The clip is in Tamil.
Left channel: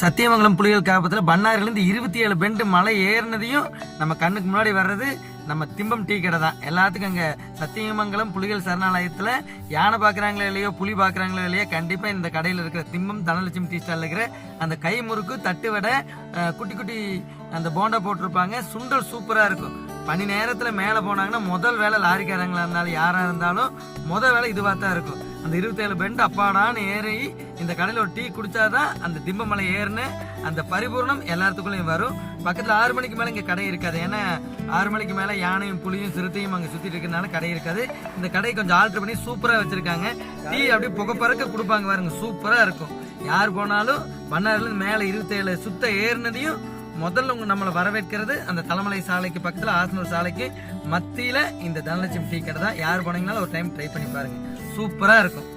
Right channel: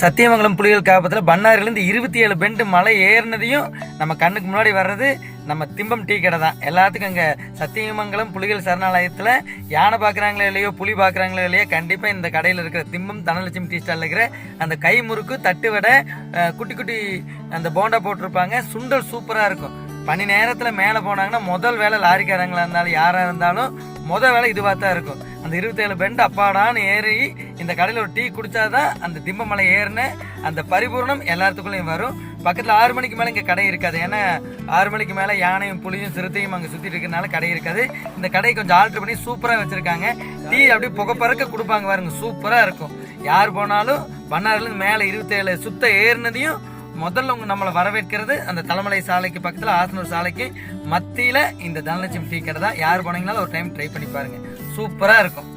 சத்தியமங்கலம் புலிகள் காப்பத்தில் பண்ணாரிலேருந்து 27 பெண்டு மலை ஏறினதையும் நம்ம கண்ணுக்கு முன்னாடி வர்றது நம்ம திம்பம் டீ கடை தான். எல்லாத்துக்கும் அங்கே சத்தியமங்கலம் புலிகள் சரணாலயத்தில் யானை பார்க்குறாங்களோ இல்லையோ, புலி பார்க்குறாங்களோ இல்லையோ, கண்டிப்பாக இந்த கடையில் இருக்கிற திம்பம் தனலட்சுமி டீ ஸ்டாலில் இருக்கிற அந்த கை முறுக்கு, தட்டு வடை, குட்டி குட்டி அந்த போண்டா போட்டிருப்பாங்க. சுண்டல் சூப்பராக இருக்கும். பனி நேரத்தில் மேலே போனாங்கன்னா முதல் வேலை லாரிக்காரங்களாக இருந்தாலும் யாராக இருந்தாலும் முதல் வேலை இதுவாக தான் இருக்கும். அந்த 27 பெண்டு அப்பாடான்னு ஏறி இந்த கடையில் ஒரு டீ குடித்தாதான் அந்த திம்பமலை ஏறின அந்த பரிபூர்ணம் எல்லாத்துக்குள்ளேயும் வரும். பக்கத்தில் 6 மணிக்கு மேலே இங்கே கடை இருக்காது. ஏன்னா 6 மணிக்கு மேலே யானையும் புலியும் சிறுத்தையும் அங்கே சுற்றிட்டு இருக்கிறனால கடை இருக்காது. இந்த கடையை கொஞ்சம் ஆல்ட்ரு பண்ணி சூப்பராக வச்சுருக்காங்க. டீ அப்படியே புகை பறக்க கொடுப்பாங்க பாருங்க, சூப்பராக இருக்கும். யார் போனாலும் பண்ணாரிலேருந்து மேலே 27 சுத்த ஏறினதையும் முதல்ல நம்மளை வரவேற்கிறது அந்த தலைமலை சாலைக்கு பக்கத்தில் ஆசனூர் சாலைக்கு மத்தியில் இந்த தனலட்சுமி டீ கடை தான். யார் போனீங்கனாலும் ஒரு டைம் ட்ரை பண்ணி பாருங்க, சூப்பராக இருக்கும்.